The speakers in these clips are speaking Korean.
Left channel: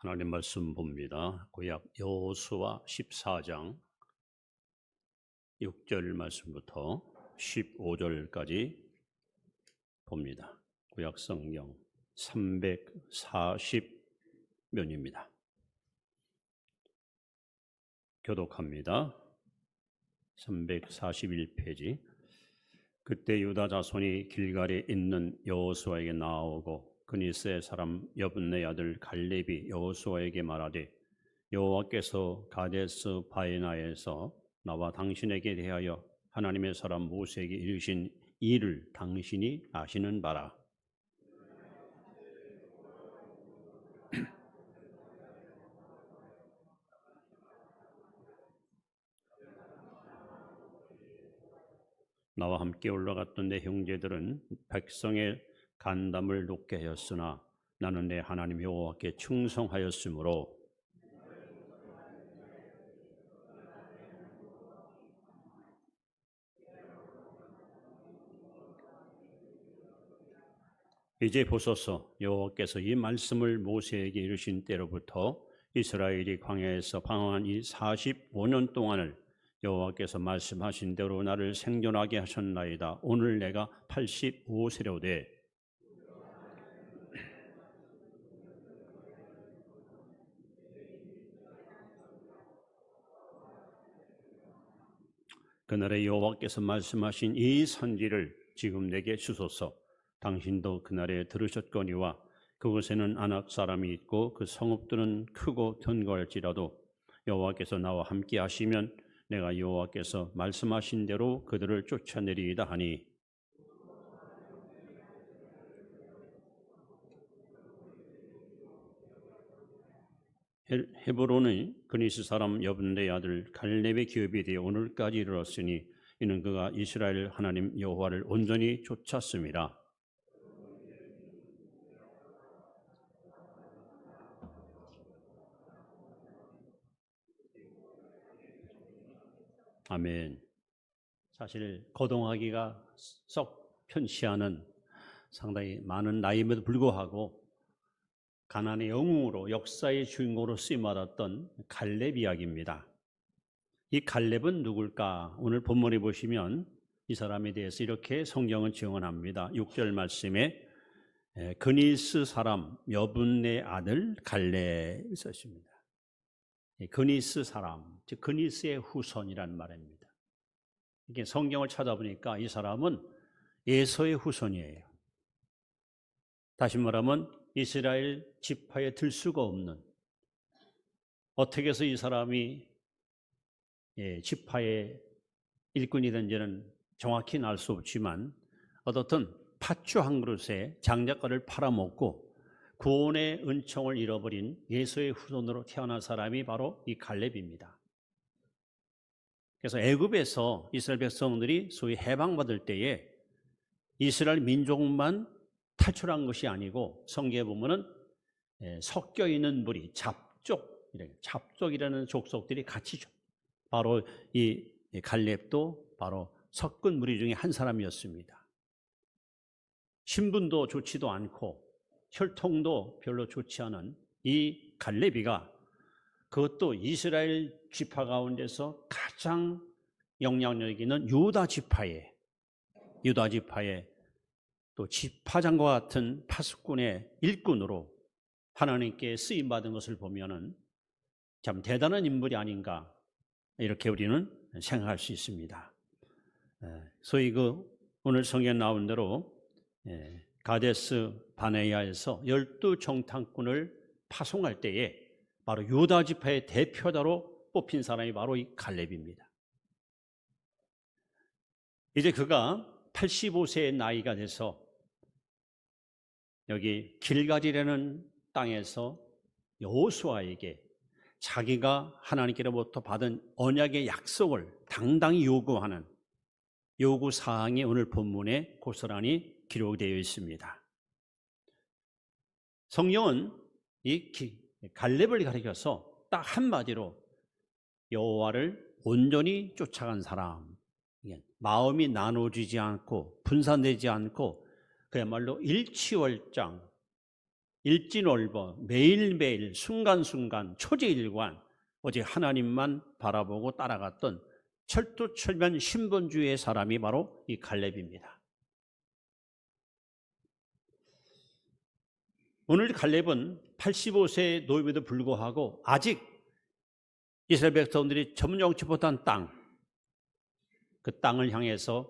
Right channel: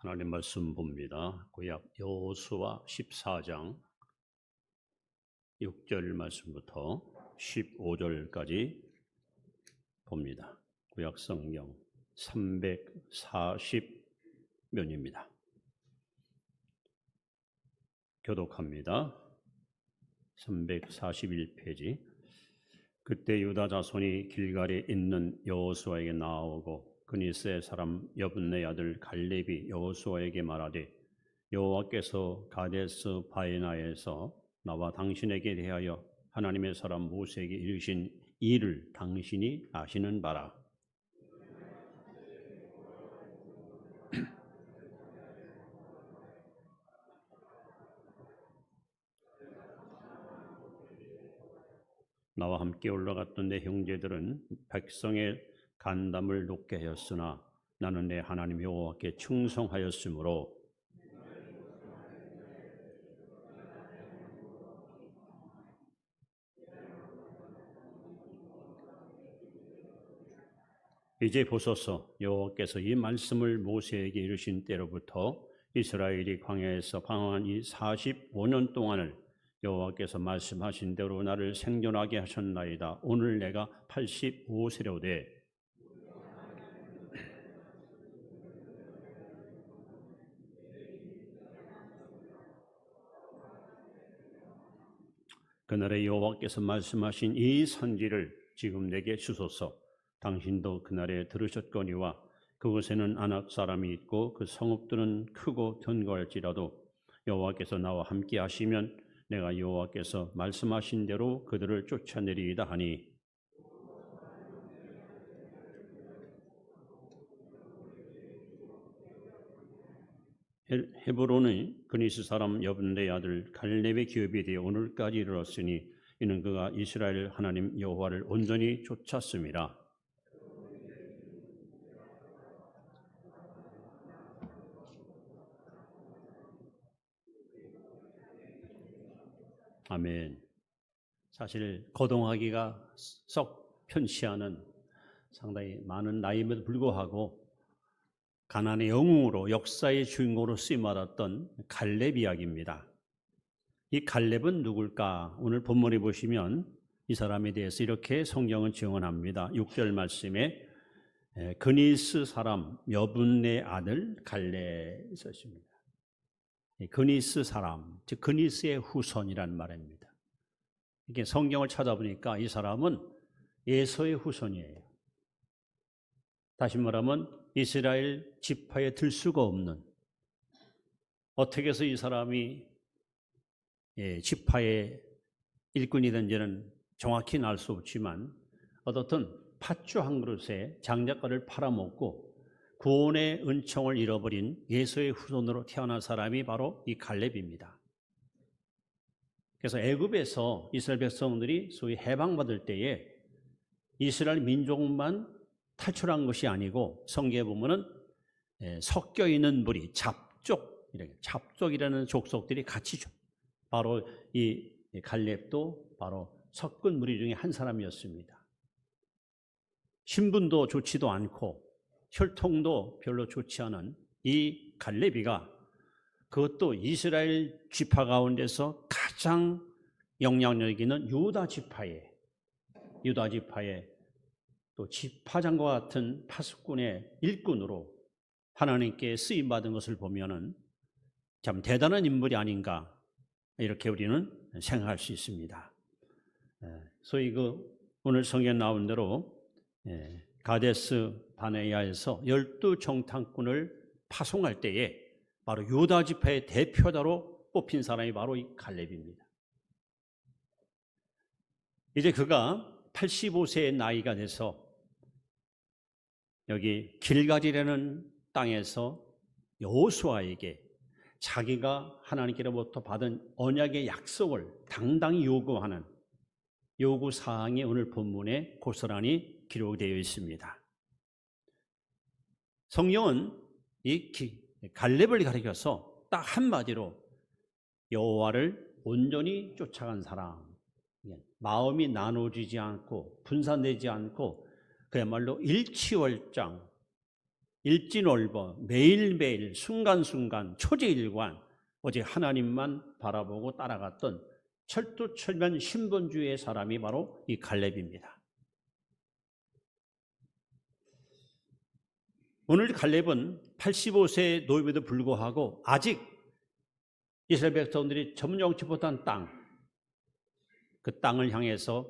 하나님 말씀 봅니다. 구약 여호수아 14장 6절 말씀부터 15절까지 봅니다. 구약 성경 340면입니다. 교독합니다. 341페이지. 그때 유다 자손이 길갈에 있는 여호수아에게 나아오고 그니스의 사람 여분네 아들 갈렙이 여호수아에게 말하되 여호와께서 가데스 바네아에서 나와 당신에게 대하여 하나님의 사람 모세에게 이르신 일을 당신이 아시는 바라. 나와 함께 올라갔던 내 형제들은 백성의 간담을 높게 하였으나 나는 내 하나님 여호와께 충성하였으므로 이제 보소서. 여호와께서 이 말씀을 모세에게 이르신 때로부터 이스라엘이 광야에서 방황한 이 45년 동안을 여호와께서 말씀하신 대로 나를 생존하게 하셨나이다. 오늘 내가 85세로되 그날에 여호와께서 말씀하신 이 선지를 지금 내게 주소서. 당신도 그날에 들으셨거니와 그곳에는 아낙 사람이 있고 그 성읍들은 크고 견고할지라도 여호와께서 나와 함께 하시면 내가 여호와께서 말씀하신 대로 그들을 쫓아내리이다 하니 헤브론의 그니스 사람 여분네 아들 갈렙의 기업이 되어 오늘까지 이르렀으니 이는 그가 이스라엘 하나님 여호와를 온전히 쫓았습니다. 아멘. 사실 거동하기가 썩 편치 않은 상당히 많은 나이임에도 불구하고 가나안의 영웅으로 역사의 주인공으로 쓰임받았던 갈렙 이야기입니다. 이 갈렙은 누굴까? 오늘 본문에 보시면 이 사람에 대해서 이렇게 성경은 증언합니다. 6절 말씀에 그니스 사람 여분네 아들 갈렙이 있었습니다. 그니스 사람, 즉 그니스의 후손이란 말입니다. 이렇게 성경을 찾아보니까 이 사람은 에서의 후손이에요. 다시 말하면 이스라엘 지파에 들 수가 없는, 어떻게 해서 이 사람이 지파의 일꾼이 된지는 정확히는 알 수 없지만 어떻든 팥주 한 그릇에 장작가를 팔아먹고 구원의 은총을 잃어버린 예수의 후손으로 태어난 사람이 바로 이 갈렙입니다. 그래서 애굽에서 이스라엘 백성들이 소위 해방받을 때에 이스라엘 민족만 탈출한 것이 아니고 성경에 보면은 섞여 있는 무리, 잡족이라는 족속들이 같이 바로 이 갈렙도 바로 섞은 무리 중에 한 사람이었습니다. 신분도 좋지도 않고 혈통도 별로 좋지 않은 이 갈렙이가 그것도 이스라엘 지파 가운데서 가장 영향력 있는 유다 지파의 또 지파장과 같은 파수꾼의 일꾼으로 하나님께 쓰임받은 것을 보면은 참 대단한 인물이 아닌가 이렇게 우리는 생각할 수 있습니다. 소위 오늘 성경에 나온 대로 가데스 바네아에서 12정탐꾼을 파송할 때에 바로 유다 지파의 대표자로 뽑힌 사람이 바로 이 갈렙입니다. 이제 그가 85세의 나이가 돼서 여기 길갈이라는 땅에서 여호수아에게 자기가 하나님께로부터 받은 언약의 약속을 당당히 요구하는 요구사항이 오늘 본문에 고스란히 기록되어 있습니다. 성경은 이 갈렙을 가리켜서 딱 한마디로 여호와를 온전히 쫓아간 사람, 마음이 나눠지지 않고 분산되지 않고 그야말로 일취월장 일진월버 매일매일 순간순간 초제일관 오직 하나님만 바라보고 따라갔던 철두철미한 신본주의의 사람이 바로 이 갈렙입니다. 오늘 갈렙은 85세의 노임에도 불구하고 아직 이스라엘 백성들이 점령치 못한 땅, 그 땅을 향해서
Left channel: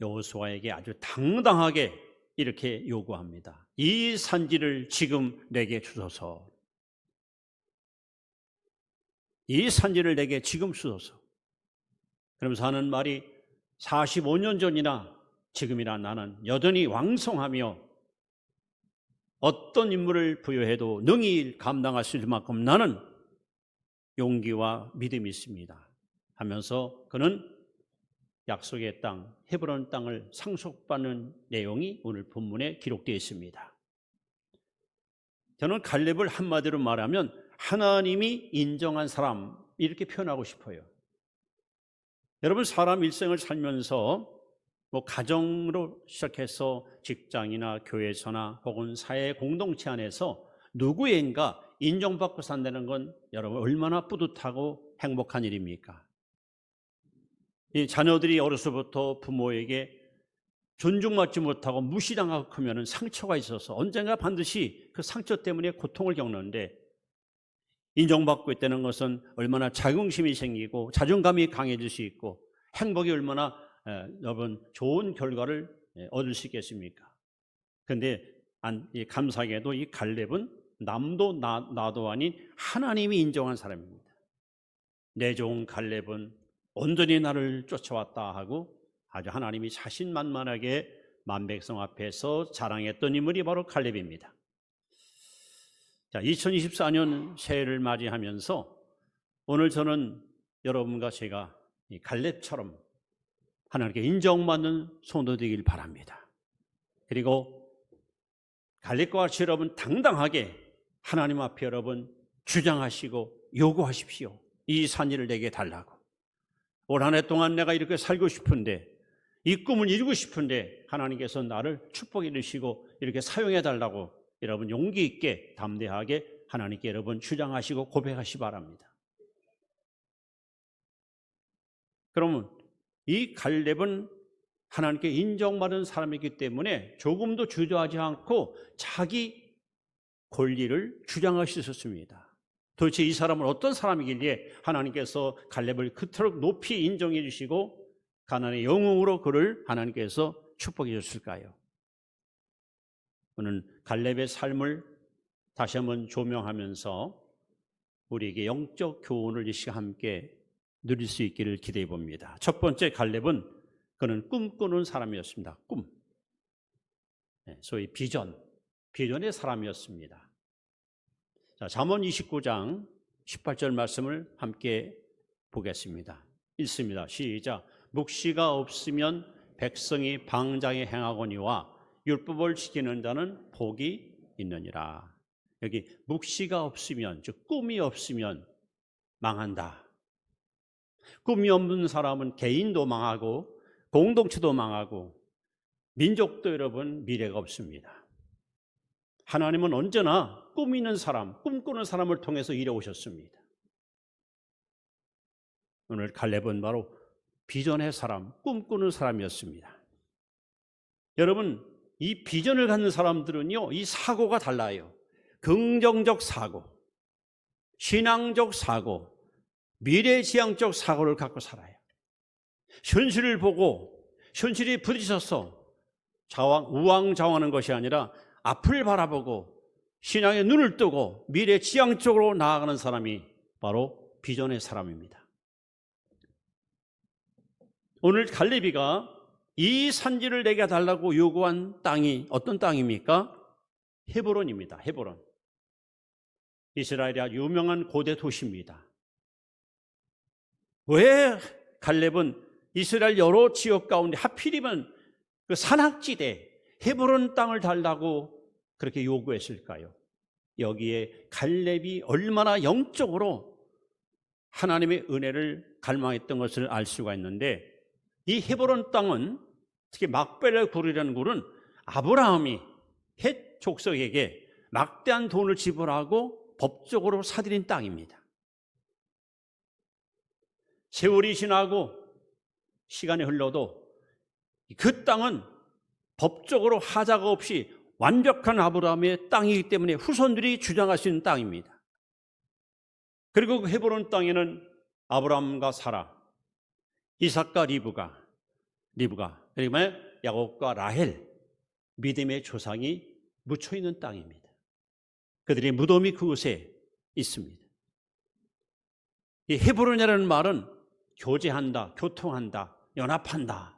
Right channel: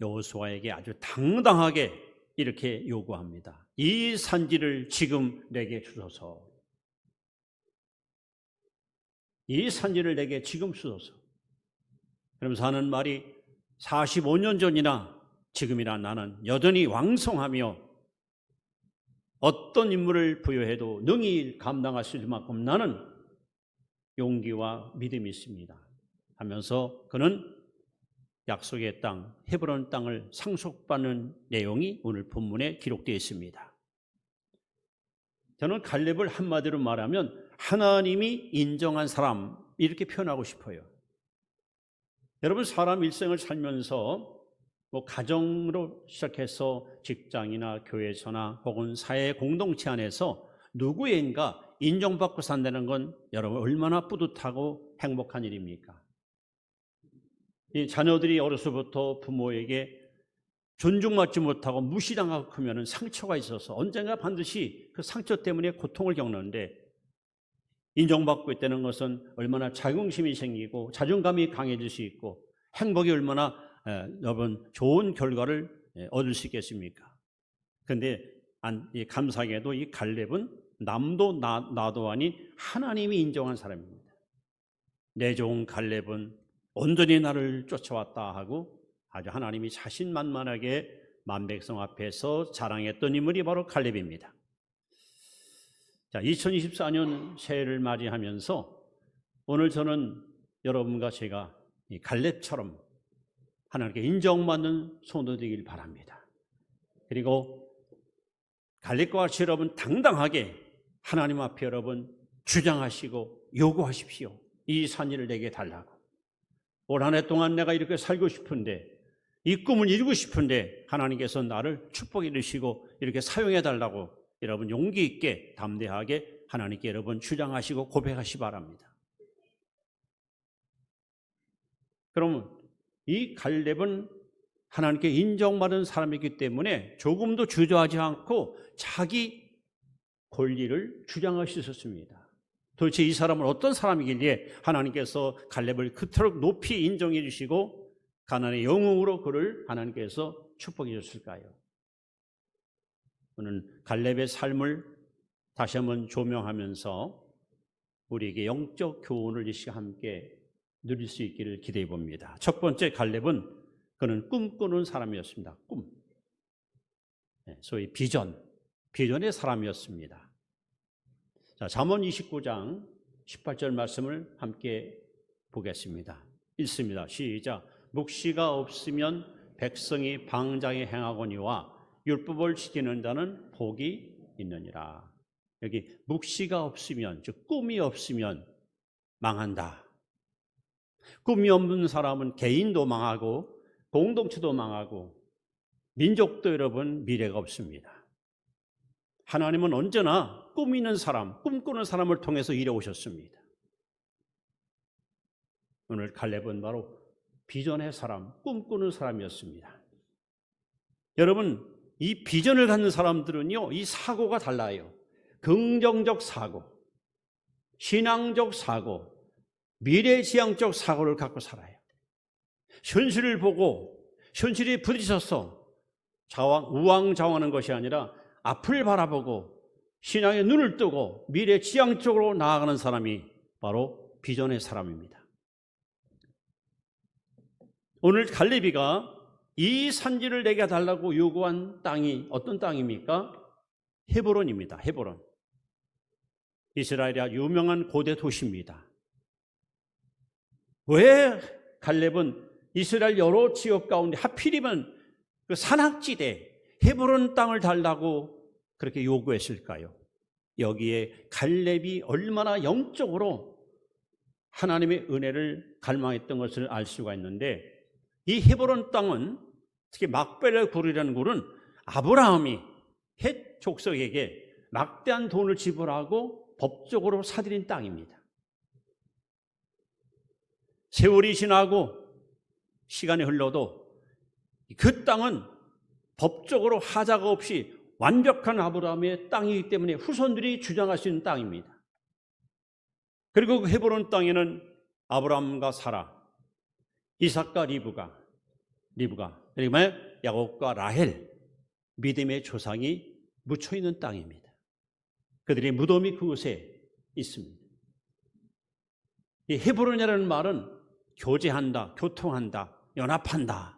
여호수아에게 아주 당당하게 이렇게 요구합니다. 이 산지를 지금 내게 주소서. 이 산지를 내게 지금 주소서. 그러면서 하는 말이 45년 전이나 지금이나 나는 여전히 왕성하며 어떤 임무를 부여해도 능히 감당할 수 있을 만큼 나는 용기와 믿음이 있습니다 하면서 그는 약속의 땅, 헤브론 땅을 상속받는 내용이 오늘 본문에 기록되어 있습니다. 저는 갈렙을 한마디로 말하면 하나님이 인정한 사람 이렇게 표현하고 싶어요. 여러분, 사람 일생을 살면서 가정으로 시작해서 직장이나 교회에서나 혹은 사회 공동체 안에서 누구인가 인정받고 산다는 건 여러분 얼마나 뿌듯하고 행복한 일입니까? 이 자녀들이 어려서부터 부모에게 존중받지 못하고 무시당하고 크면 상처가 있어서 언젠가 반드시 그 상처 때문에 고통을 겪는데, 인정받고 있다는 것은 얼마나 자긍심이 생기고 자존감이 강해질 수 있고 행복이 얼마나 여러분 좋은 결과를 얻을 수 있겠습니까? 그런데 감사하게도 이 갈렙은 남도 나도 아닌 하나님이 인정한 사람입니다. 내 종 갈렙은 온전히 나를 쫓아왔다 하고 아주 하나님이 자신만만하게 만백성 앞에서 자랑했던 인물이 바로 갈렙입니다. 자, 2024년 새해를 맞이하면서 오늘 저는 여러분과 제가 이 갈렙처럼 하나님께 인정받는 성도 되길 바랍니다. 그리고 갈렙과 같이 여러분 당당하게 하나님 앞에 여러분 주장하시고 요구하십시오. 이 산지를 내게 달라고. 올 한 해 동안 내가 이렇게 살고 싶은데, 이 꿈을 이루고 싶은데 하나님께서 나를 축복해 주시고 이렇게 사용해 달라고 여러분 용기 있게 담대하게 하나님께 여러분 주장하시고 고백하시 바랍니다. 그러면 이 갈렙은 하나님께 인정받은 사람이기 때문에 조금도 주저하지 않고 자기 권리를 주장할 수 있었습니다. 도대체 이 사람은 어떤 사람이길래 하나님께서 갈렙을 그토록 높이 인정해 주시고 가나안의 영웅으로 그를 하나님께서 축복해 주셨을까요? 오늘 갈렙의 삶을 다시 한번 조명하면서 우리에게 영적 교훈을 이 시간 함께 누릴 수 있기를 기대해 봅니다. 첫 번째, 갈렙은 그는 꿈꾸는 사람이었습니다. 꿈, 소위 비전의 사람이었습니다. 자, 잠언 29장 18절 말씀을 함께 보겠습니다. 읽습니다. 시작. 묵시가 없으면 백성이 방장에 행하거니와 율법을 지키는 자는 복이 있느니라. 여기 묵시가 없으면, 즉 꿈이 없으면 망한다. 꿈이 없는 사람은 개인도 망하고 공동체도 망하고 민족도 여러분 미래가 없습니다. 하나님은 언제나 꿈 있는 사람, 꿈꾸는 사람을 통해서 일해오셨습니다. 오늘 갈렙은 바로 비전의 사람, 꿈꾸는 사람이었습니다. 여러분, 이 비전을 갖는 사람들은요, 이 사고가 달라요. 긍정적 사고, 신앙적 사고, 미래지향적 사고를 갖고 살아요. 현실을 보고 현실에 부딪혀서 우왕좌왕하는 것이 아니라 앞을 바라보고 신앙의 눈을 뜨고 미래지향적으로 나아가는 사람이 바로 비전의 사람입니다. 오늘 갈렙이가 이 산지를 내게 달라고 요구한 땅이 어떤 땅입니까? 헤브론입니다. 헤브론. 이스라엘의 유명한 고대 도시입니다. 왜 갈렙은 이스라엘 여러 지역 가운데 하필이면 그 산악지대 헤브론 땅을 달라고 그렇게 요구했을까요? 여기에 갈렙이 얼마나 영적으로 하나님의 은혜를 갈망했던 것을 알 수가 있는데, 이 헤브론 땅은 특히 막벨의 굴이라는 굴은 아브라함이 헷 족속에게 막대한 돈을 지불하고 법적으로 사들인 땅입니다. 세월이 지나고 시간이 흘러도 그 땅은 법적으로 하자가 없이 완벽한 아브라함의 땅이기 때문에 후손들이 주장할 수 있는 땅입니다. 그리고 그 헤브론 땅에는 아브라함과 사라, 이삭과 리브가 그리고 야곱과 라헬, 믿음의 조상이 묻혀 있는 땅입니다. 그들의 무덤이 그곳에 있습니다. 이 헤브론이라는 말은 교제한다, 교통한다, 연합한다.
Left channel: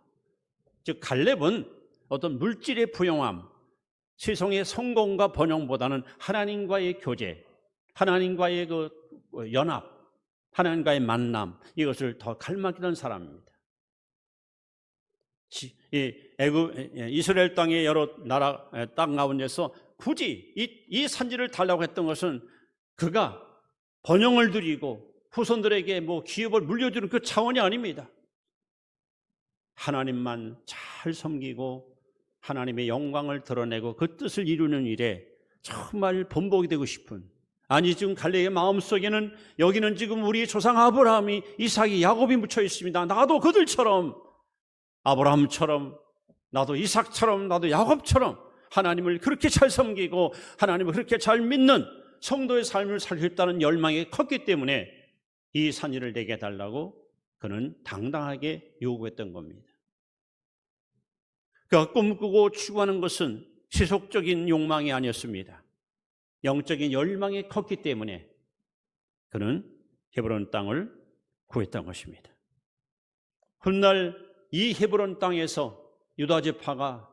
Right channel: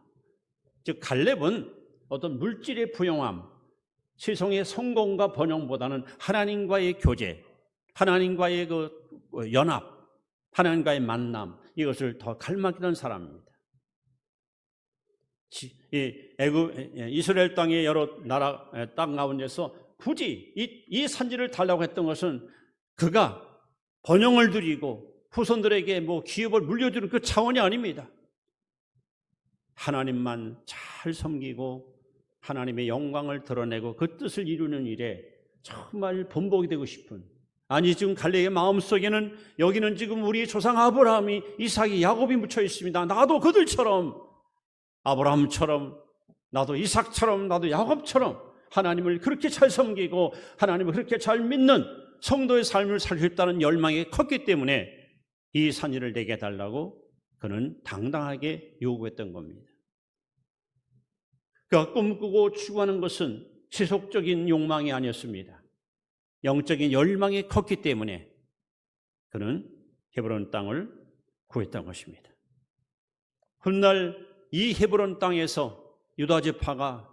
즉 갈렙은 어떤 물질의 부용함, 세상의 성공과 번영보다는 하나님과의 교제, 하나님과의 그 연합, 하나님과의 만남, 이것을 더 갈망했던 사람입니다. 이스라엘 땅의 여러 나라 땅 가운데서 굳이 이 산지를 달라고 했던 것은 그가 번영을 누리고 후손들에게 기업을 물려주는 그 차원이 아닙니다. 하나님만 잘 섬기고 하나님의 영광을 드러내고 그 뜻을 이루는 일에 정말 본보기 되고 싶은, 아니 지금 갈렙의 마음속에는 여기는 지금 우리 조상 아브라함이, 이삭이, 야곱이 묻혀 있습니다. 나도 그들처럼, 아브라함처럼, 나도 이삭처럼, 나도 야곱처럼 하나님을 그렇게 잘 섬기고 하나님을 그렇게 잘 믿는 성도의 삶을 살겠다는 열망이 컸기 때문에 이 산지를 내게 달라고 그는 당당하게 요구했던 겁니다. 그가 꿈꾸고 추구하는 것은 세속적인 욕망이 아니었습니다. 영적인 열망이 컸기 때문에 그는 헤브론 땅을 구했던 것입니다. 훗날 이 헤브론 땅에서 유다 지파가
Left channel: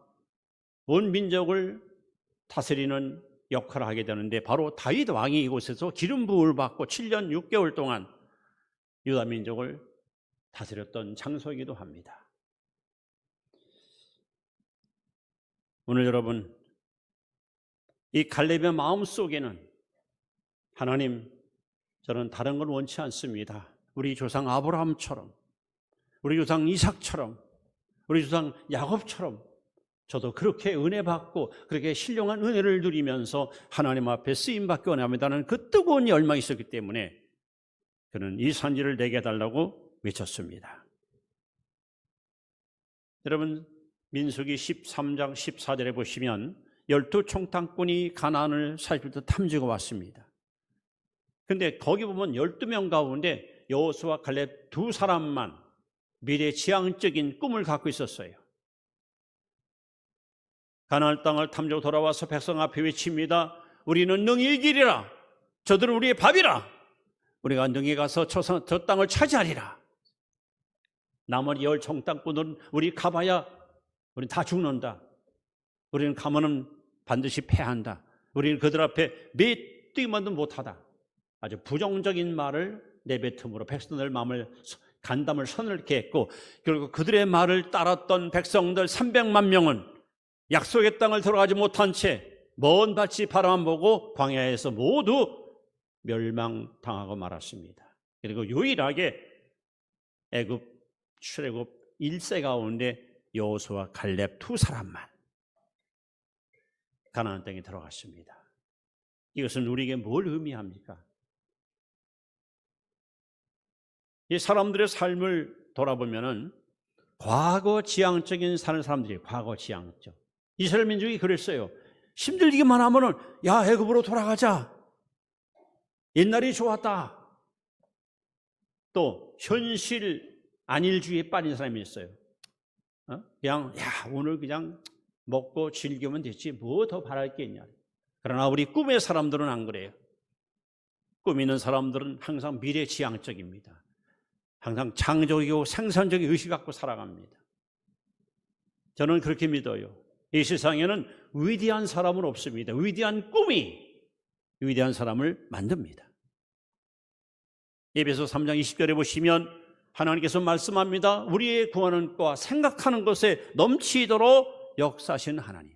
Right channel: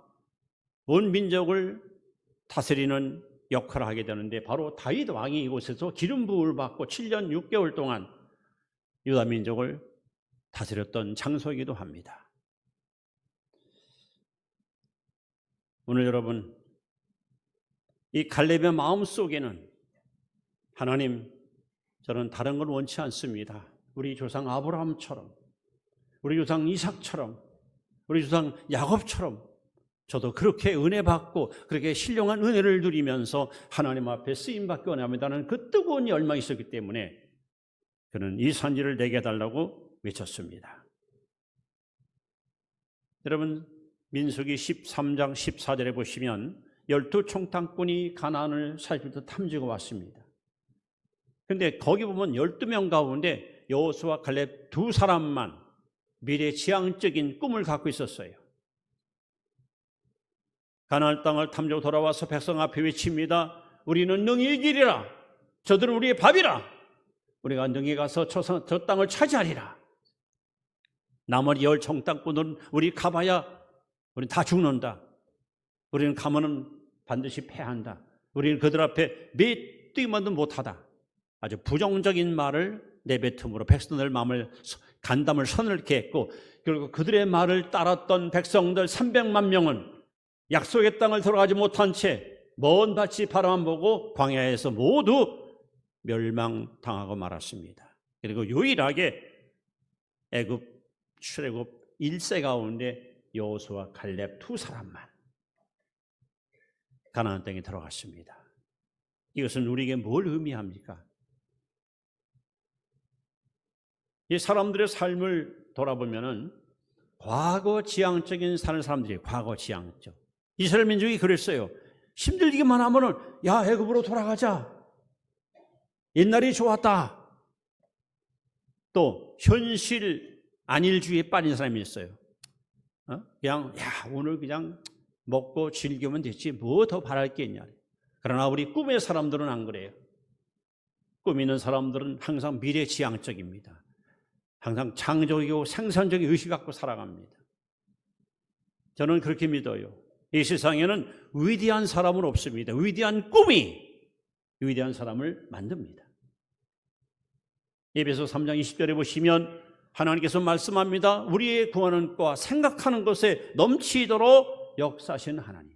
온 민족을 다스리는 역할을 하게 되는데, 바로 다윗 왕이 이곳에서 기름 부음을 받고 7년 6개월 동안 유다 민족을 다스렸던 장소이기도 합니다. 오늘 여러분, 이 갈렙의 마음속에는 하나님, 저는 다른 걸 원치 않습니다. 우리 조상 아브라함처럼, 우리 조상 이삭처럼, 우리 조상 야곱처럼 저도 그렇게 은혜 받고 그렇게 신령한 은혜를 누리면서 하나님 앞에 쓰임받기 원합니다는 그 뜨거운 열망이 있었기 때문에 그는 이 산지를 내게 달라고 외쳤습니다. 여러분, 민수기 13장 14절에 보시면 12총탄꾼이 가나안을 40일 탐지고 왔습니다. 그런데 거기 보면 12명 가운데 여호수아 갈렙 두 사람만 미래 지향적인 꿈을 갖고 있었어요. 가나안 땅을 탐지고 돌아와서 백성 앞에 외칩니다. 우리는 능히 이기리라. 저들은 우리의 밥이라. 우리가 능히 가서 저 땅을 차지하리라. 나머지 10총탄꾼은 우리 가봐야 우리는 다 죽는다. 우리는 가면은 반드시 패한다. 우리는 그들 앞에 메뚜기만도 못하다. 아주 부정적인 말을 내뱉음으로 백성들 마음을, 간담을 서늘케 했고, 결국 그들의 말을 따랐던 백성들 300만 명은 약속의 땅을 들어가지 못한 채 먼 밭이 바라만 보고 광야에서 모두 멸망당하고 말았습니다. 그리고 유일하게 애굽 출애굽 1세 가운데 여호수아 갈렙 두 사람만 가나안 땅에 들어갔습니다. 이것은 우리에게 뭘 의미합니까? 이 사람들의 삶을 돌아보면은 과거 지향적인 사는 사람들이, 과거 지향적. 이스라엘 민족이 그랬어요. 힘들기만 하면은 야, 애굽으로 돌아가자. 옛날이 좋았다. 또 현실 안일주의에 빠진 사람이 있어요. 그냥 오늘 그냥 먹고 즐기면 됐지 뭐 더 바랄 게 있냐. 그러나 우리 꿈의 사람들은 안 그래요. 꿈 있는 사람들은 항상 미래지향적입니다. 항상 창조적이고 생산적인 의식 갖고 살아갑니다. 저는 그렇게 믿어요. 이 세상에는 위대한 사람은 없습니다. 위대한 꿈이 위대한 사람을 만듭니다. 에베소 3장 20절에 보시면 하나님께서 말씀합니다. 우리의 구하는 것과 생각하는 것에 넘치도록 역사하신 하나님.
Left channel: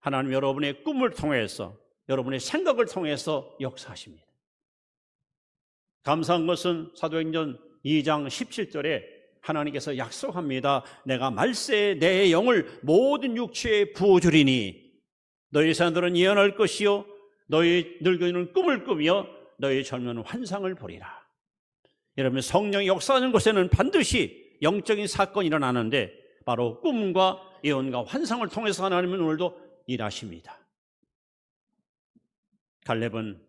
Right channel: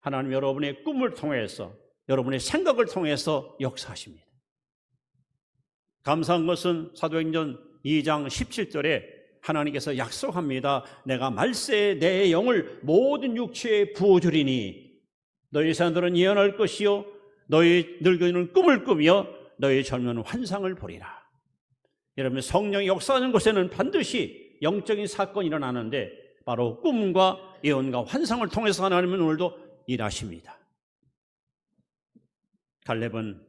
하나님 여러분의 꿈을 통해서, 여러분의 생각을 통해서 역사하십니다. 감사한 것은 사도행전 2장 17절에 하나님께서 약속합니다. 내가 말세에 내 영을 모든 육체에 부어주리니 너희 사람들은 예언할 것이요 너희 늙은이는 꿈을 꾸며 너희 젊은 환상을 보리라. 여러분, 성령이 역사하는 곳에는 반드시 영적인 사건이 일어나는데 바로 꿈과 예언과 환상을 통해서 하나님은 오늘도 일하십니다. 갈렙은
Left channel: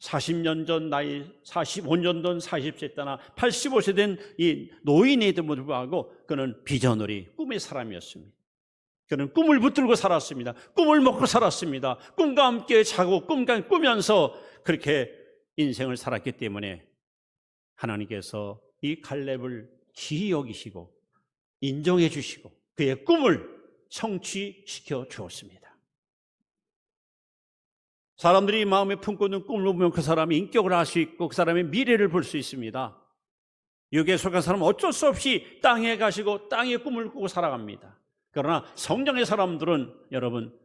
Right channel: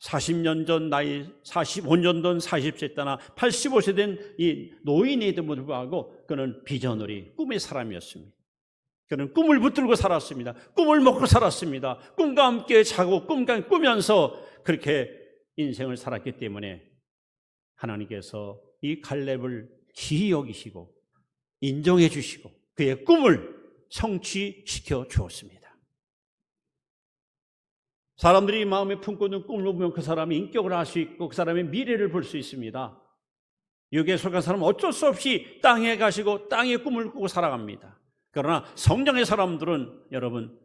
40년 전 나이 45년 전 40세 때나 85세 된 이 노인에도 불구하고 그는 비전어리 꿈의 사람이었습니다. 그는 꿈을 붙들고 살았습니다. 꿈을 먹고 살았습니다. 꿈과 함께 자고 꿈과 꾸면서 그렇게 인생을 살았기 때문에 하나님께서 이 갈렙을 기이 여기시고 인정해 주시고 그의 꿈을 성취시켜 주었습니다. 사람들이 마음에 품고 있는 꿈을 보면 그 사람의 인격을 알 수 있고 그 사람의 미래를 볼 수 있습니다. 육에 속한 사람은 어쩔 수 없이 땅에 가시고 땅의 꿈을 꾸고 살아갑니다. 그러나 성령의 사람들은 여러분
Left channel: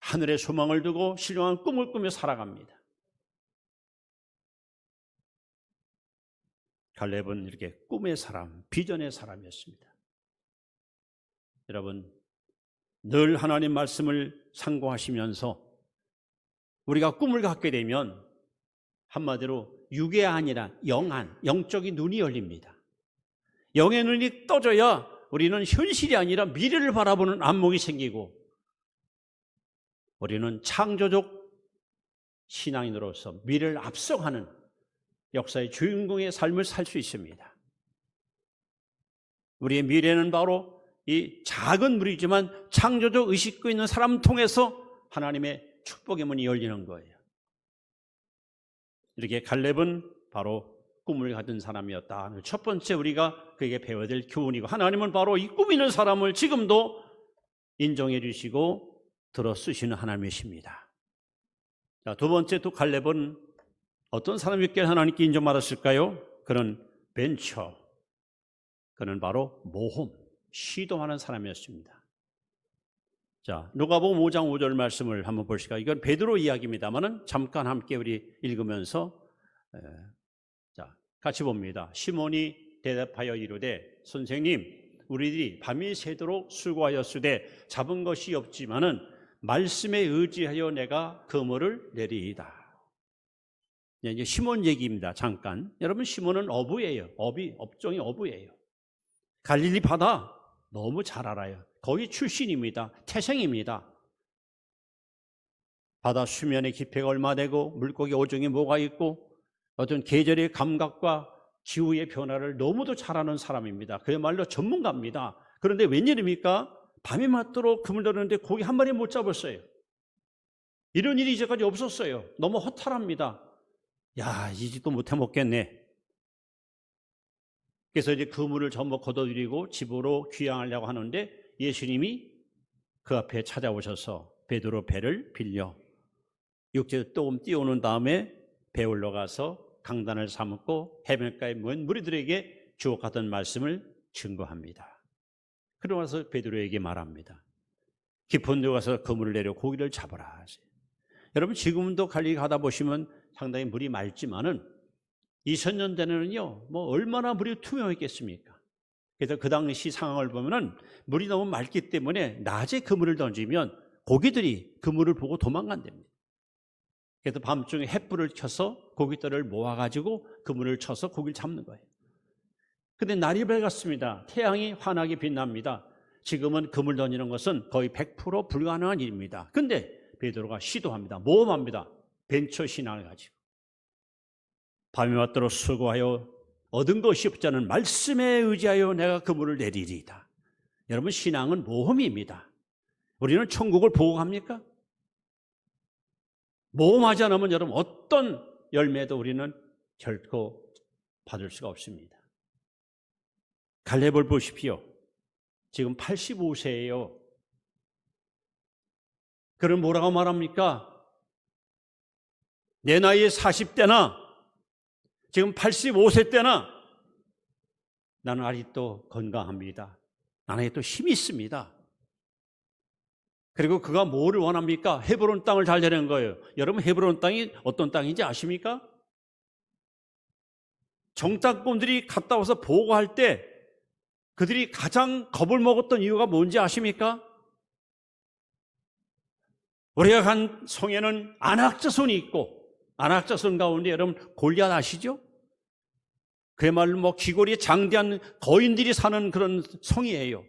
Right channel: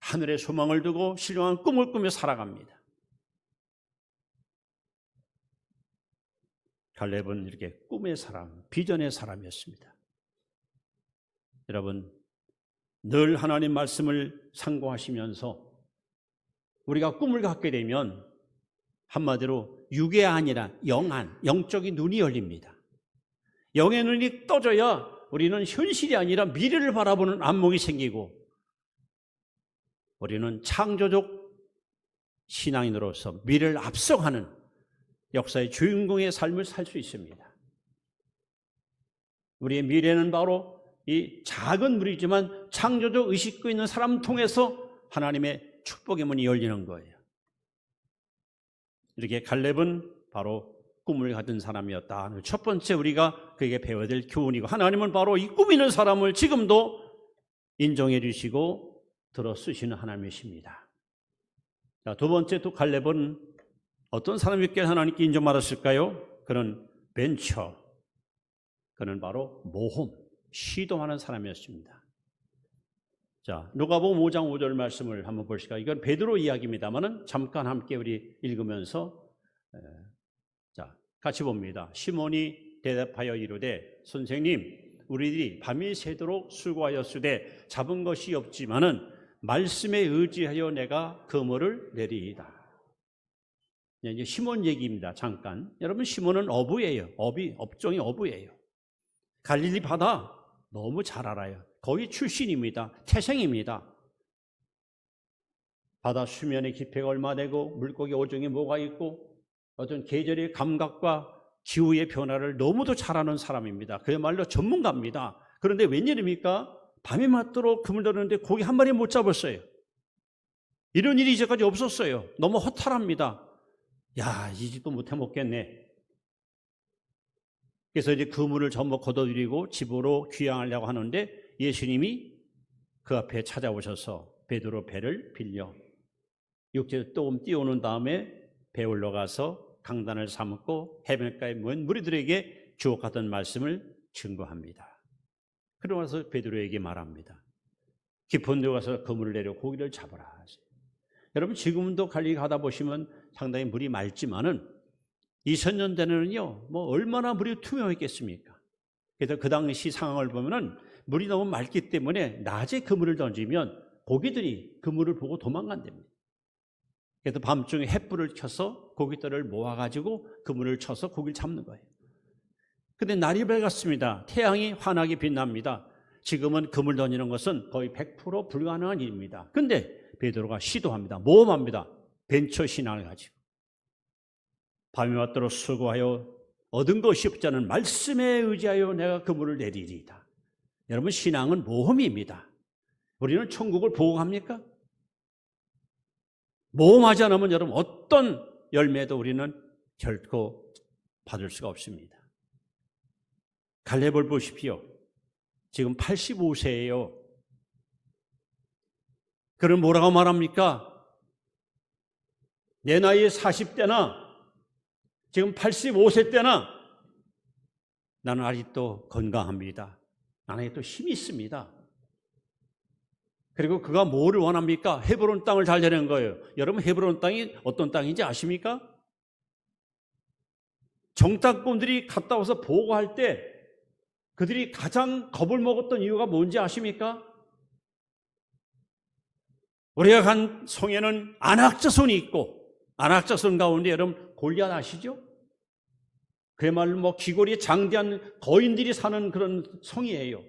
하늘에 소망을 두고 신령한 꿈을 꾸며 살아갑니다. 갈렙은 이렇게 꿈의 사람, 비전의 사람이었습니다. 여러분, 늘 하나님 말씀을 상고하시면서 우리가 꿈을 갖게 되면 한마디로 육의 아니라 영안, 영적인 눈이 열립니다. 영의 눈이 떠져야 우리는 현실이 아니라 미래를 바라보는 안목이 생기고 우리는 창조적 신앙인으로서 미래를 앞서가는 역사의 주인공의 삶을 살 수 있습니다. 우리의 미래는 바로 이 작은 무리지만 창조적 의식도 있는 사람 통해서 하나님의 축복의 문이 열리는 거예요. 이렇게 갈렙은 바로 꿈을 가진 사람이었다. 첫 번째 우리가 그에게 배워야 될 교훈이고 하나님은 바로 이 꿈 있는 사람을 지금도 인정해 주시고 들어 쓰시는 하나님이십니다. 자, 두 번째 또 갈렙은 어떤 사람이었기에 하나님께 인정받았을까요? 그는 벤처, 그는 바로 모험, 시도하는 사람이었습니다. 자, 누가복음 5장 5절 말씀을 한번 보실까요? 이건 베드로 이야기입니다만은 잠깐 함께 우리 읽으면서 자, 같이 봅니다. 시몬이 대답하여 이르되 선생님, 우리들이 밤이 새도록 수고하였으되 잡은 것이 없지만은 말씀에 의지하여 내가 그물을 내리이다. 이제 시몬 얘기입니다. 잠깐. 여러분, 시몬은 어부예요. 업종이 어부예요. 갈릴리 바다 너무 잘 알아요. 거기 출신입니다. 태생입니다. 바다 수면의 깊이가 얼마 되고 물고기 어종이 뭐가 있고 어떤 계절의 감각과 기후의 변화를 너무도 잘 아는 사람입니다. 그야말로 전문가입니다. 그런데 웬일입니까? 밤이 맞도록 그물 들었는데 고기 한 마리 못 잡았어요. 이런 일이 이제까지 없었어요. 너무 허탈합니다. 야, 이 집도 못해 먹겠네. 그래서 이제 그물을 전부 걷어들이고 집으로 귀향하려고 하는데 예수님이 그 앞에 찾아오셔서 베드로 배를 빌려 육지에 조금 띄우는 다음에 배 올라가서 강단을 삼고 해변가에 모인 무리들에게 주옥하던 말씀을 증거합니다. 그러고 나서 베드로에게 말합니다. 깊은 데 가서 그물을 내려 고기를 잡아라 하세요. 여러분, 지금도 갈릴리 가다 보시면 상당히 물이 맑지만은 2000년 전에는요, 뭐 얼마나 물이 투명했겠습니까? 그래서 그 당시 상황을 보면은 물이 너무 맑기 때문에 낮에 그물을 던지면 고기들이 그물을 보고 도망간답니다. 그래서 밤중에 햇불을 켜서 고기들을 모아가지고 그물을 쳐서 고기를 잡는 거예요. 근데 날이 밝았습니다. 태양이 환하게 빛납니다. 지금은 그물 던지는 것은 거의 100% 불가능한 일입니다. 근데 베드로가 시도합니다. 모험합니다. 벤처 신앙을 가지고. 밤이 맞도록 수고하여 얻은 것이 없지 않은 말씀에 의지하여 내가 그물을 내리리이다. 여러분, 신앙은 모험입니다. 우리는 천국을 보고 갑니까? 모험하지 않으면 여러분 어떤 열매도 우리는 결코 받을 수가 없습니다. 갈렙을 보십시오. 지금 85세예요. 그럼 뭐라고 말합니까? 내 나이에 40대나 지금 85세 때나 나는 아직도 건강합니다. 나는 아직도 힘이 있습니다. 그리고 그가 뭐를 원합니까? 헤브론 땅을 잘 되는 거예요. 여러분, 헤브론 땅이 어떤 땅인지 아십니까? 정탐꾼들이 갔다 와서 보고할 때 그들이 가장 겁을 먹었던 이유가 뭔지 아십니까? 우리가 간 성에는 안악자손이 있고, 안악자손 가운데 여러분 골리앗 아시죠? 그야말로 뭐 귀골이 장대한 거인들이 사는 그런 성이에요.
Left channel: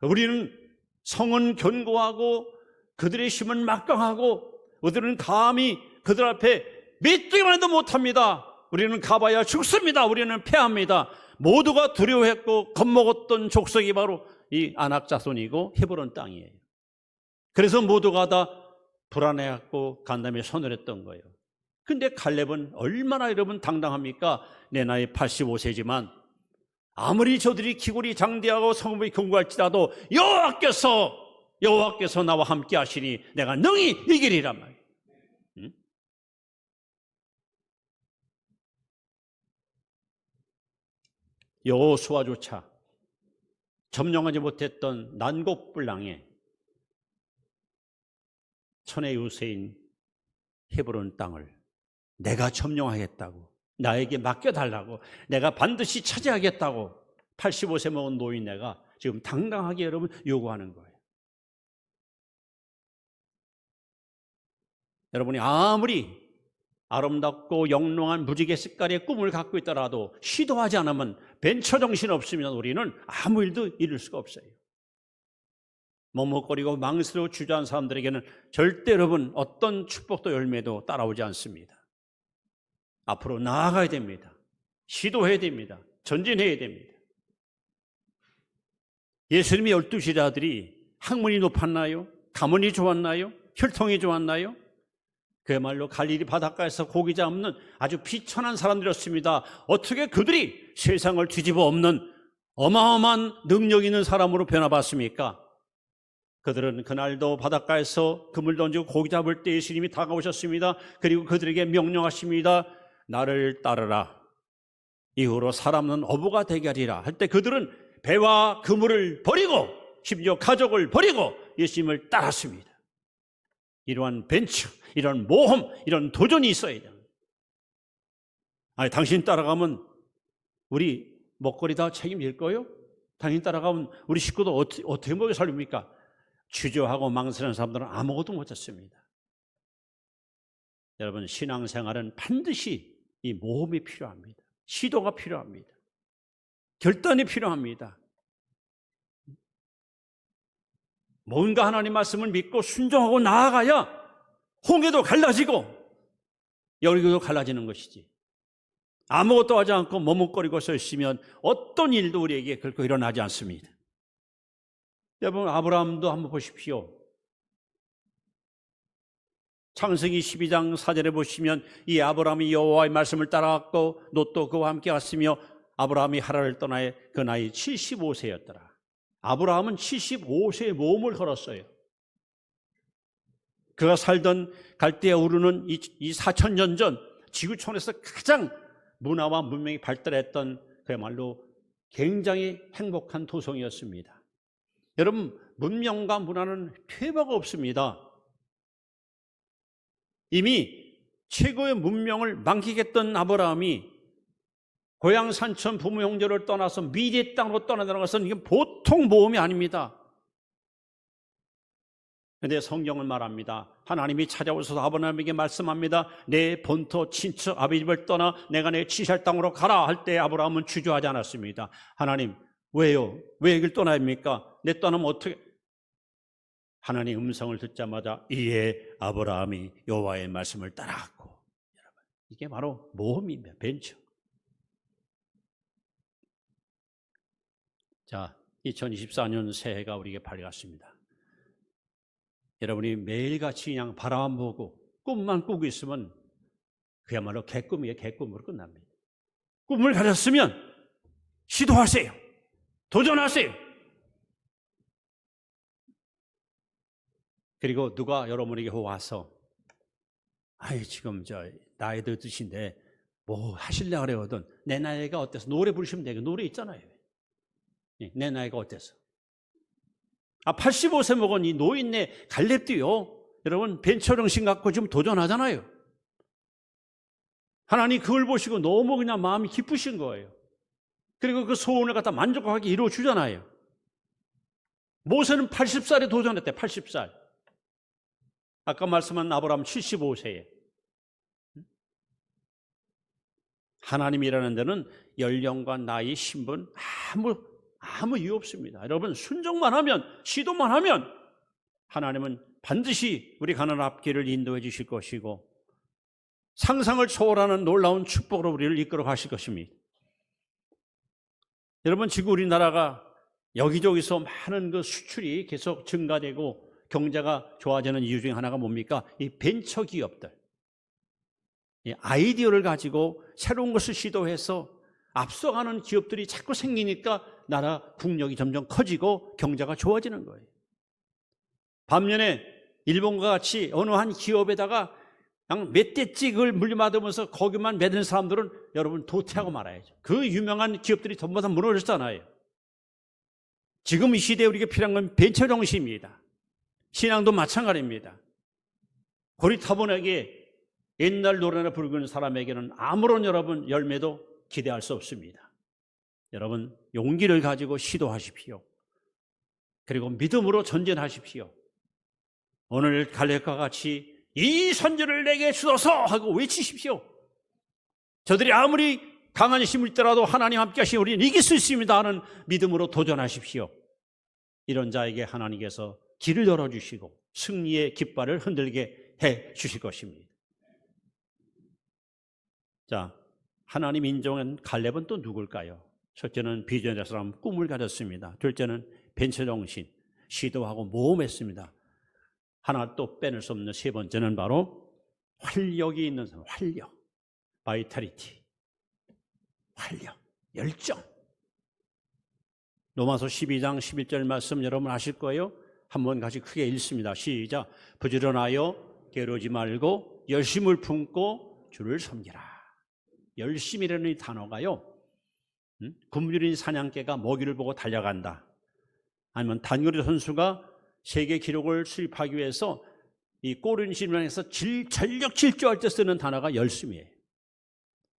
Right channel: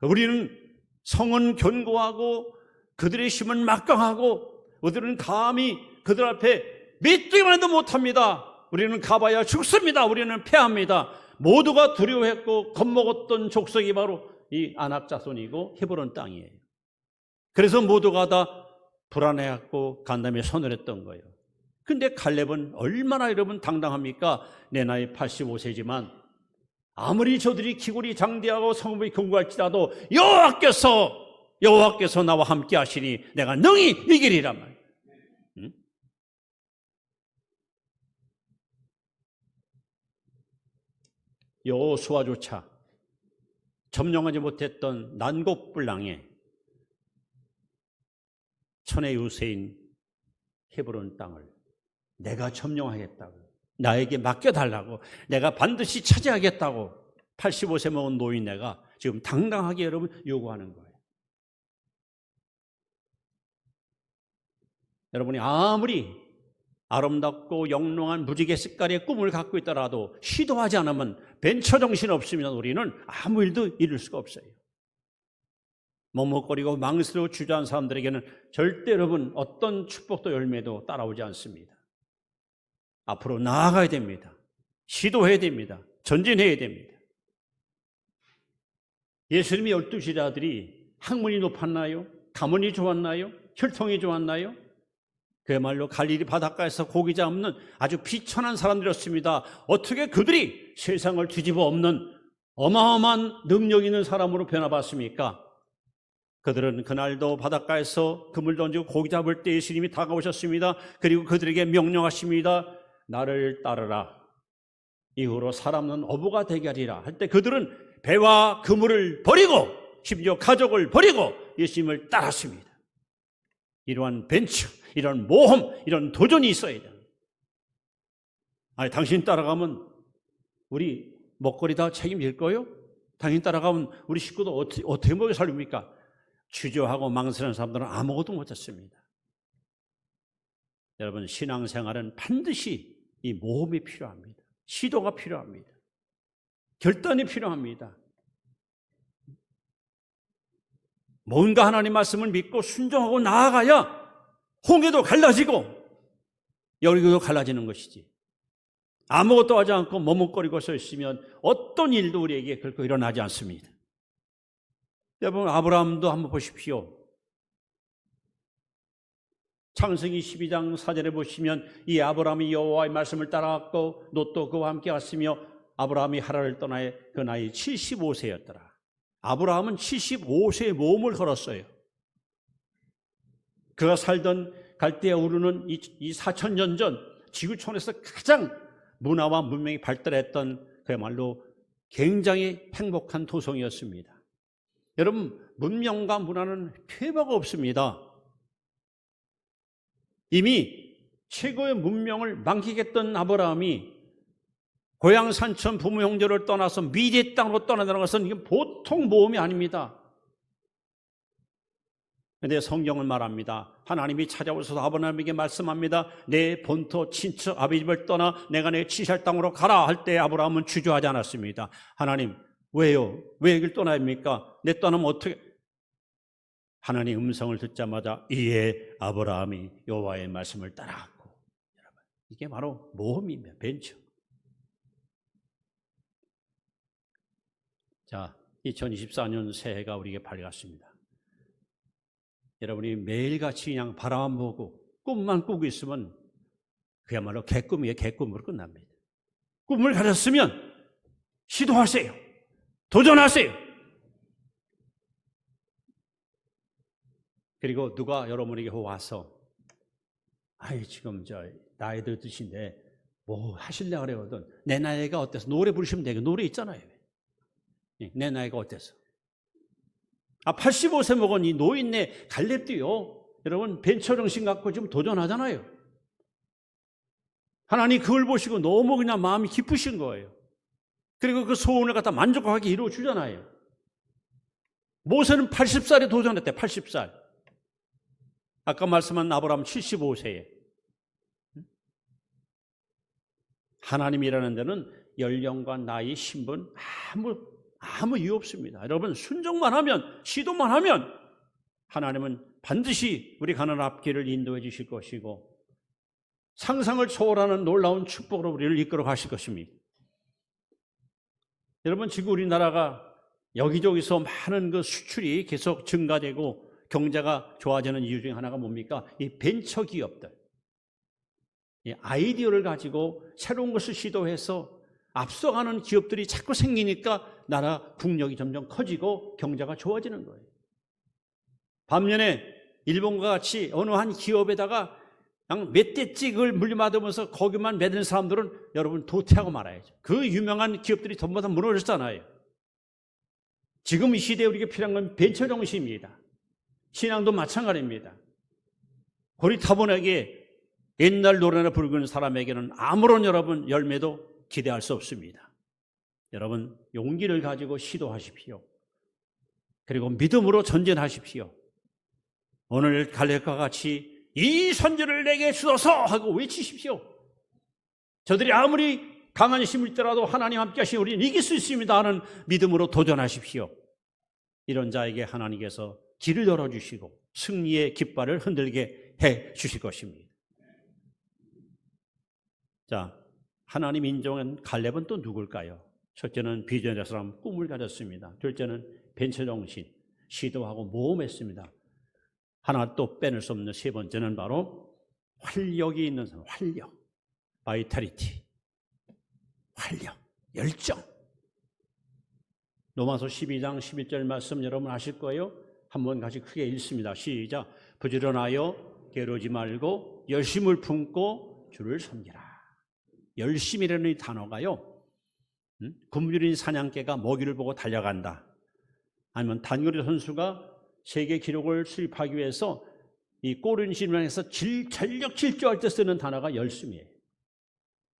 우리는 성은 견고하고 그들의 힘은 막강하고 우리는 감히 그들 앞에 메뚜기만 해도 못합니다. 우리는 가봐야 죽습니다. 우리는 패합니다. 모두가 두려워했고 겁먹었던 족속이 바로 이 안악자손이고 헤브론 땅이에요. 그래서 모두가 다 불안해했고 간담에 손을 했던 거예요. 근데 칼렙은 얼마나 여러분 당당합니까? 내 나이 85세지만 아무리 저들이 기골이 장대하고 성읍이 견고할지라도 여호와께서 나와 함께 하시니 내가 능히 이기리란 말이에요. 응? 여호수아조차 점령하지 못했던 난곡불랑에 천의 유세인 헤브론 땅을 내가 점령하겠다고, 나에게 맡겨달라고, 내가 반드시 차지하겠다고 85세 먹은 노인네가 지금 당당하게 여러분 요구하는 거예요. 여러분이 아무리 아름답고 영롱한 무지개 색깔의 꿈을 갖고 있더라도 시도하지 않으면, 벤처 정신 없으면 우리는 아무 일도 이룰 수가 없어요. 머뭇거리고 망설이고 주저하는 사람들에게는 절대 여러분 어떤 축복도 열매도 따라오지 않습니다. 앞으로 나아가야 됩니다. 시도해야 됩니다. 전진해야 됩니다. 예수님의 12제자들이 학문이 높았나요? 가문이 좋았나요? 혈통이 좋았나요? 그야말로 갈릴리 바닷가에서 고기 잡는 아주 비천한 사람들이었습니다. 어떻게 그들이 세상을 뒤집어 엎는 어마어마한 능력 있는 사람으로 변화받습니까? 그들은 그날도 바닷가에서 그물 던지고 고기 잡을 때 예수님이 다가오셨습니다. 그리고 그들에게 명령하십니다. 나를 따르라. 이후로 사람은 어부가 되게 하리라 할 때 그들은 배와 그물을 버리고 심지어 가족을 버리고 예수님을 따랐습니다. 이러한 벤처, 이런 모험, 이런 도전이 있어야 돼요. 아니, 당신 따라가면 우리 먹거리 다 책임질 거요? 당신 따라가면 우리 식구도 어떻게 먹여 살립니까? 주저하고 망설이는 사람들은 아무것도 못했습니다. 여러분, 신앙생활은 반드시 이 모험이 필요합니다. 시도가 필요합니다. 결단이 필요합니다. 뭔가 하나님 말씀을 믿고 순종하고 나아가야 홍해도 갈라지고 여리고도 갈라지는 것이지. 아무것도 하지 않고 머뭇거리고 서 있으면 어떤 일도 우리에게 결코 일어나지 않습니다. 여러분, 아브라함도 한번 보십시오. 창세기 12장 4절에 보시면 이 아브라함이 여호와의 말씀을 따라갔고 롯도 그와 함께 갔으며 아브라함이 하란을 떠나에 그 나이 75세였더라. 아브라함은 75세의 모험을 걸었어요. 그가 살던 갈대아 우르는 이 4,000년 전 지구촌에서 가장 문화와 문명이 발달했던 그야말로 굉장히 행복한 도성이었습니다. 여러분, 문명과 문화는 퇴보가 없습니다. 이미 최고의 문명을 만끽했던 아브라함이 고향 산천 부모 형제를 떠나서 미래 땅으로 떠나는 것은 이게 보통 모험이 아닙니다. 그런데 성경은 말합니다. 하나님이 찾아오셔서 아브라함에게 말씀합니다. 내 본토 친척 아비 집을 떠나 내가 내 치살 땅으로 가라 할 때 아브라함은 주저하지 않았습니다. 하나님, 왜요? 왜 여길 떠나야 합니까? 내 떠나면 어떻게? 하나님 음성을 듣자마자 이에 아브라함이 여호와의 말씀을 따라갔고, 여러분, 이게 바로 모험입니다. 벤처. 자, 2024년 새해가 우리에게 밝았습니다. 여러분이 매일같이 그냥 바라만 보고 꿈만 꾸고 있으면 그야말로 개꿈이에요. 개꿈으로 끝납니다. 꿈을 가졌으면 시도하세요. 도전하세요. 그리고 누가 여러분에게 와서 지금 나이도 드신데 뭐 하실려고 그러거든. 내 나이가 어때서? 노래 부르시면 되고 노래 있잖아요. 내 나이가 어때서? 85세 먹은 이 노인네 갈렙도요, 여러분 벤처 정신 갖고 지금 도전하잖아요. 하나님 그걸 보시고 너무 그냥 마음이 기쁘신 거예요. 그리고 그 소원을 갖다 만족하게 이루어 주잖아요. 모세는 80살에 도전했대. 80살. 아까 말씀한 아브라함 75세에 하나님이라는 데는 연령과 나이, 신분 아무 이유 없습니다. 여러분 순종만 하면, 시도만 하면 하나님은 반드시 우리 가는 앞길을 인도해 주실 것이고 상상을 초월하는 놀라운 축복으로 우리를 이끌어 가실 것입니다. 여러분 지금 우리나라가 여기저기서 많은 그 수출이 계속 증가되고 경제가 좋아지는 이유 중에 하나가 뭡니까? 이 벤처 기업들. 이 아이디어를 가지고 새로운 것을 시도해서 앞서가는 기업들이 자꾸 생기니까 나라 국력이 점점 커지고 경제가 좋아지는 거예요. 반면에 일본과 같이 어느 한 기업에다가 몇 대 찍을 물려받으면서 거기만 매든 사람들은 여러분 도태하고 말아야죠. 그 유명한 기업들이 전부 다 무너졌잖아요. 지금 이 시대에 우리가 필요한 건 벤처 정신입니다. 신앙도 마찬가지입니다. 고리타분하게 옛날 노래나 부르는 사람에게는 아무런 여러분 열매도 기대할 수 없습니다. 여러분 용기를 가지고 시도하십시오. 그리고 믿음으로 전진하십시오. 오늘 갈렙과 같이 이 선지를 내게 주소서 하고 외치십시오. 저들이 아무리 강한 힘을 있더라도 하나님 함께 하시니 우리는 이길 수 있습니다 하는 믿음으로 도전하십시오. 이런 자에게 하나님께서 길을 열어주시고 승리의 깃발을 흔들게 해 주실 것입니다. 자, 하나님 인정한 갈렙은 또 누굴까요? 첫째는 비전의 사람, 꿈을 가졌습니다. 둘째는 벤처 정신, 시도하고 모험했습니다. 하나 또 빼낼 수 없는 세 번째는 바로 활력이 있는 사람, 활력, 바이탈리티, 활력, 열정. 로마서 12장 11절 말씀 여러분 아실 거예요? 한번 같이 크게 읽습니다. 시작. 부지런하여 게으르지 말고 열심을 품고 주를 섬기라. 열심이라는 이 단어가요, 굶주린 사냥개가 먹이를 보고 달려간다. 아니면 단거리 선수가 세계 기록을 수립하기 위해서 이 골인신을 해서 전력 질주할 때 쓰는 단어가 열심이에요.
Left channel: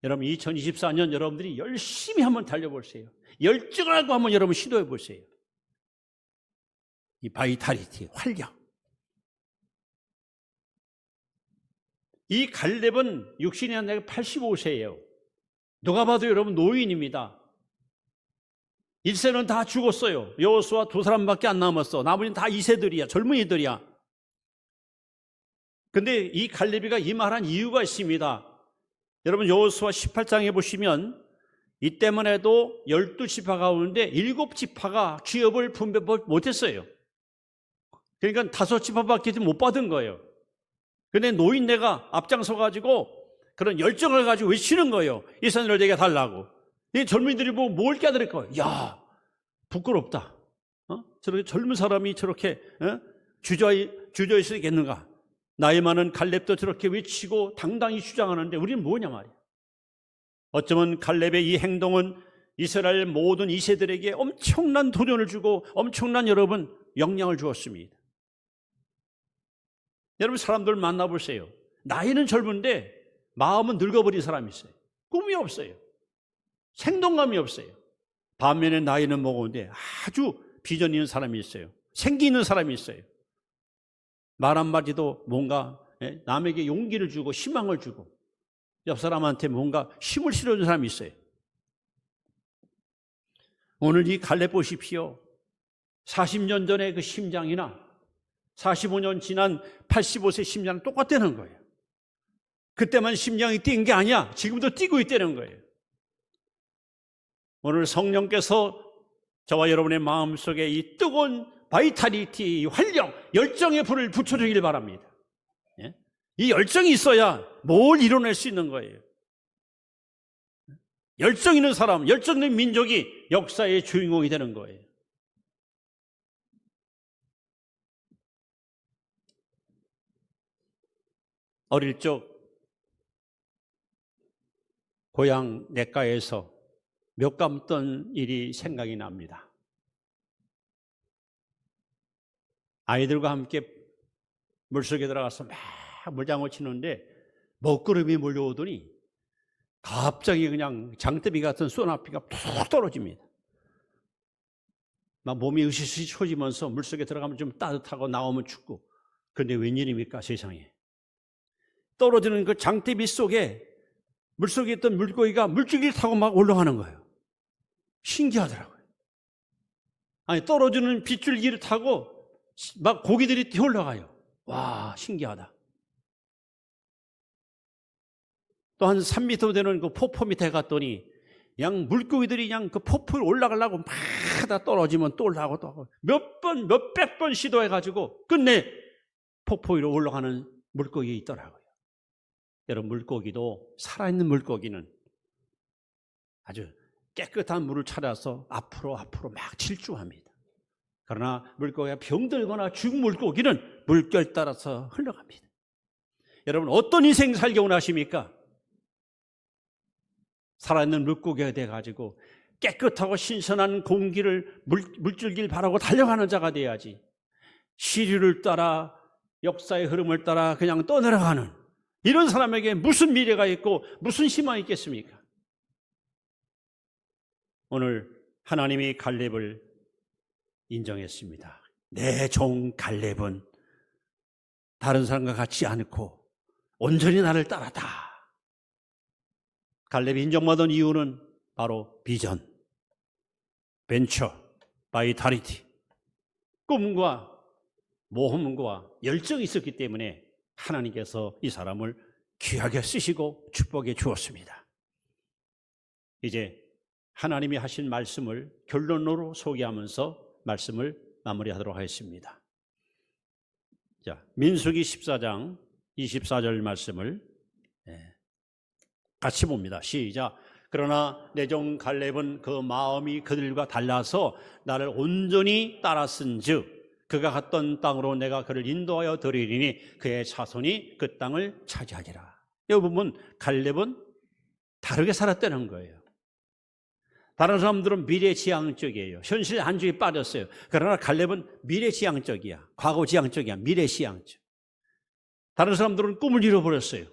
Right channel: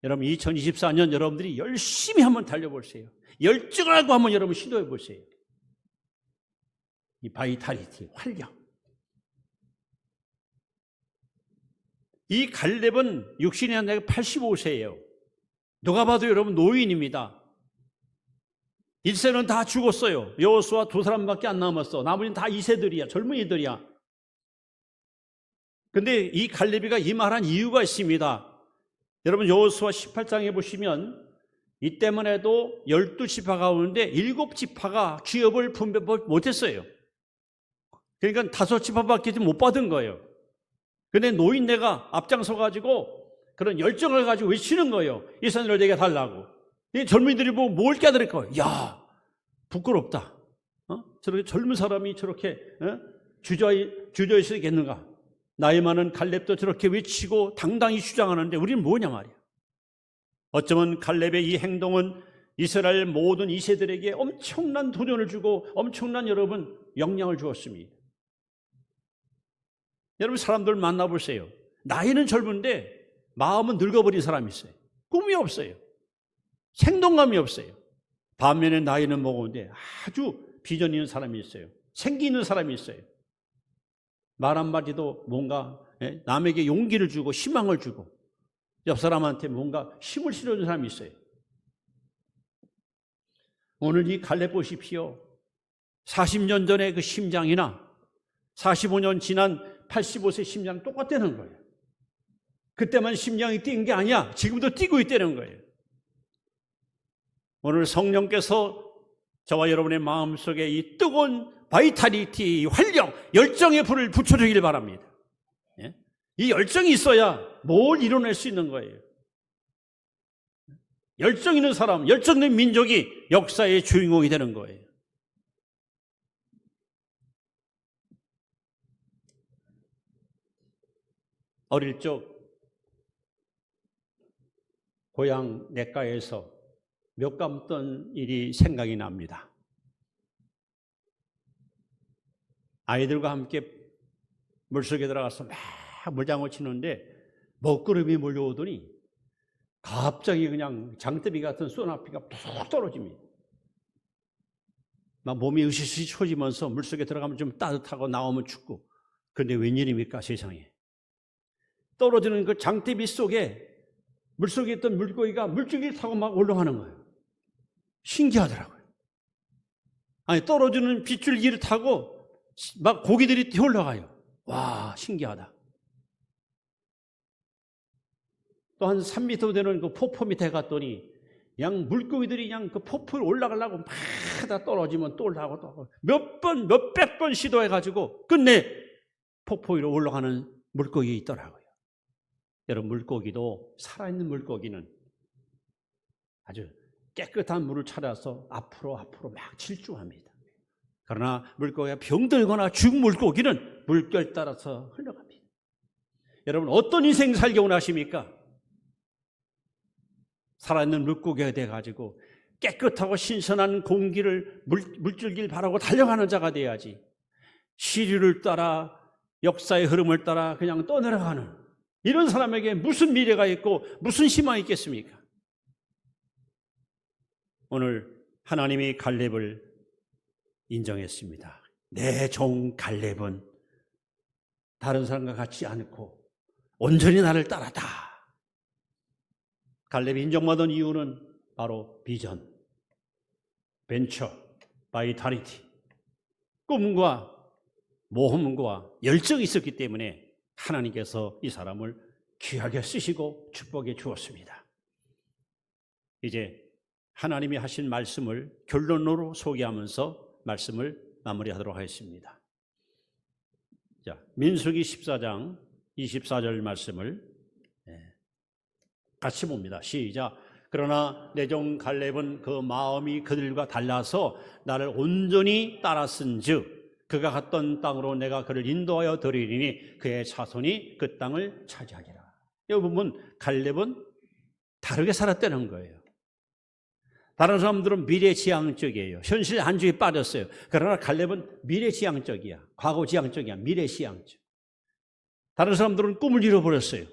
여러분 2024년 여러분들이 열심히 한번 달려보세요. 열정하고 한번 여러분 시도해 보세요. 이 바이탈리티, 활력. 이 갈렙은 육신이 아니라 85세예요. 누가 봐도 여러분 노인입니다. 1세는 다 죽었어요. 여호수아 2사람밖에 안 남았어. 나머지는 다 2세들이야. 젊은이들이야. 근데 이 갈렙이가 이 말한 이유가 있습니다. 여러분 여호수아 18장에 보시면 이때만 해도 12지파 가운데 7지파가 기업을 분배 못했어요. 그러니까 5지파밖에 못 받은 거예요. 근데 노인네가 앞장서 가지고 그런 열정을 가지고 외치는 거예요. 이 산을 내게 달라고. 이 젊은이들이 보고 뭘 깨달을 거예요. 야, 부끄럽다. 저렇게 젊은 사람이 저렇게 주저해 수 있겠는가? 나이 많은 갈렙도 저렇게 외치고 당당히 주장하는데 우리는 뭐냐 말이야. 어쩌면 갈렙의 이 행동은 이스라엘 모든 2세들에게 엄청난 도전을 주고 엄청난 여러분 영향을 주었습니다. 여러분 사람들 만나보세요. 나이는 젊은데 마음은 늙어버린 사람이 있어요. 꿈이 없어요. 생동감이 없어요. 반면에 나이는 먹었는데 아주 비전 있는 사람이 있어요. 생기 있는 사람이 있어요. 말 한마디도 뭔가 남에게 용기를 주고 희망을 주고 옆 사람한테 뭔가 힘을 실어주는 사람이 있어요. 오늘 이 갈렙 보십시오. 40년 전의 그 심장이나 45년 지난 85세 심장은 똑같다는 거예요. 그때만 심장이 뛴 게 아니야. 지금도 뛰고 있다는 거예요. 오늘 성령께서 저와 여러분의 마음속에 이 뜨거운 바이탈리티, 활력, 열정의 불을 붙여주길 바랍니다. 이 열정이 있어야 뭘 이뤄낼 수 있는 거예요. 열정 있는 사람, 열정 있는 민족이 역사의 주인공이 되는 거예요. 어릴 적 고향 냇가에서 몇 감던 일이 생각이 납니다. 아이들과 함께 물속에 들어가서 막 물장구 치는데 먹구름이 몰려오더니 갑자기 그냥 장대비 같은 소나비가 푹 떨어집니다. 막 몸이 으시시 쳐지면서 물속에 들어가면 좀 따뜻하고 나오면 춥고 그런데 웬일입니까 세상에. 떨어지는 그 장대비 속에 물속에 있던 물고기가 물줄기를 타고 막 올라가는 거예요. 신기하더라고요. 아니 떨어지는 빗줄기를 타고 막 고기들이 뛰어 올라가요. 와 신기하다. 또 한 3m 되는 그 폭포 밑에 갔더니 그냥 물고기들이 그냥 그 폭포에 올라가려고 막 다 떨어지면 또 올라가고 또 몇백 번 시도해가지고 끝내 폭포 위로 올라가는 물고기 있더라고요. 여러분 물고기도 살아있는 물고기는 아주 깨끗한 물을 찾아서 앞으로 막 질주합니다. 그러나 물고기가 병들거나 죽은 물고기는 물결 따라서 흘러갑니다. 여러분 어떤 인생 살기 원하십니까? 살아있는 물고기가 돼가지고 깨끗하고 신선한 공기를 물줄기를 바라고 달려가는 자가 돼야지 시류를 따라 역사의 흐름을 따라 그냥 떠내려가는 이런 사람에게 무슨 미래가 있고 무슨 희망이 있겠습니까? 오늘 하나님이 갈렙을 인정했습니다. 내 종 갈렙은 다른 사람과 같지 않고 온전히 나를 따랐다. 갈렙이 인정받은 이유는 바로 비전, 벤처, 바이탈리티, 꿈과 모험과 열정이 있었기 때문에 하나님께서 이 사람을 귀하게 쓰시고 축복해 주었습니다. 이제 하나님이 하신 말씀을 결론으로 소개하면서 말씀을 마무리하도록 하겠습니다. 자, 민수기 14장 24절 말씀을 같이 봅니다. 시작. 그러나 내 종 갈렙은 그 마음이 그들과 달라서 나를 온전히 따랐은즉 그가 갔던 땅으로 내가 그를 인도하여 드리리니 그의 자손이 그 땅을 차지하리라. 여기 보면 갈렙은 다르게 살았다는 거예요. 다른 사람들은 미래지향적이에요. 현실 안주에 빠졌어요. 그러나 갈렙은 미래지향적이야. 과거지향적이야. 미래지향적. 다른 사람들은 꿈을 잃어버렸어요.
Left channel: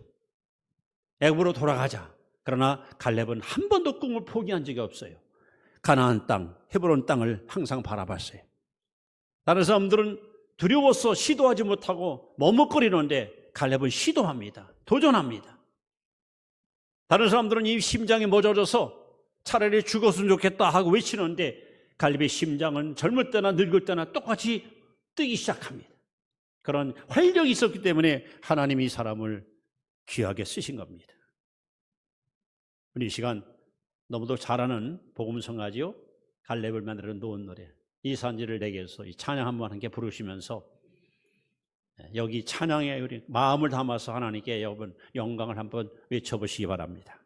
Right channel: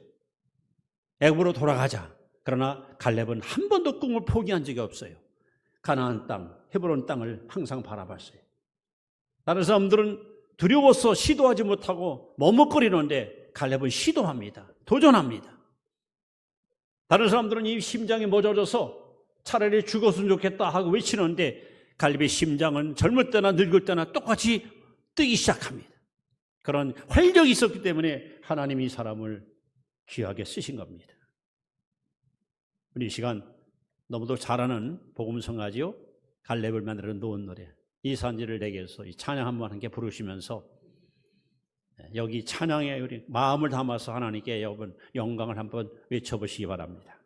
애굽으로 돌아가자. 그러나 갈렙은 한 번도 꿈을 포기한 적이 없어요. 가나안 땅, 헤브론 땅을 항상 바라봤어요. 다른 사람들은 두려워서 시도하지 못하고 머뭇거리는데 갈렙은 시도합니다. 도전합니다. 다른 사람들은 이 심장이 멎어져서 차라리 죽었으면 좋겠다 하고 외치는데 갈렙의 심장은 젊을 때나 늙을 때나 똑같이 뜨기 시작합니다. 그런 활력이 있었기 때문에 하나님이 이 사람을 귀하게 쓰신 겁니다. 우리 이 시간 너무도 잘 아는 복음성가지요. 갈렙을 만들어 놓은 노래. 이 산지를 내게서 이 찬양 한번 함께 부르시면서 여기 찬양에 우리 마음을 담아서 하나님께 여러분 영광을 한번 외쳐보시기 바랍니다.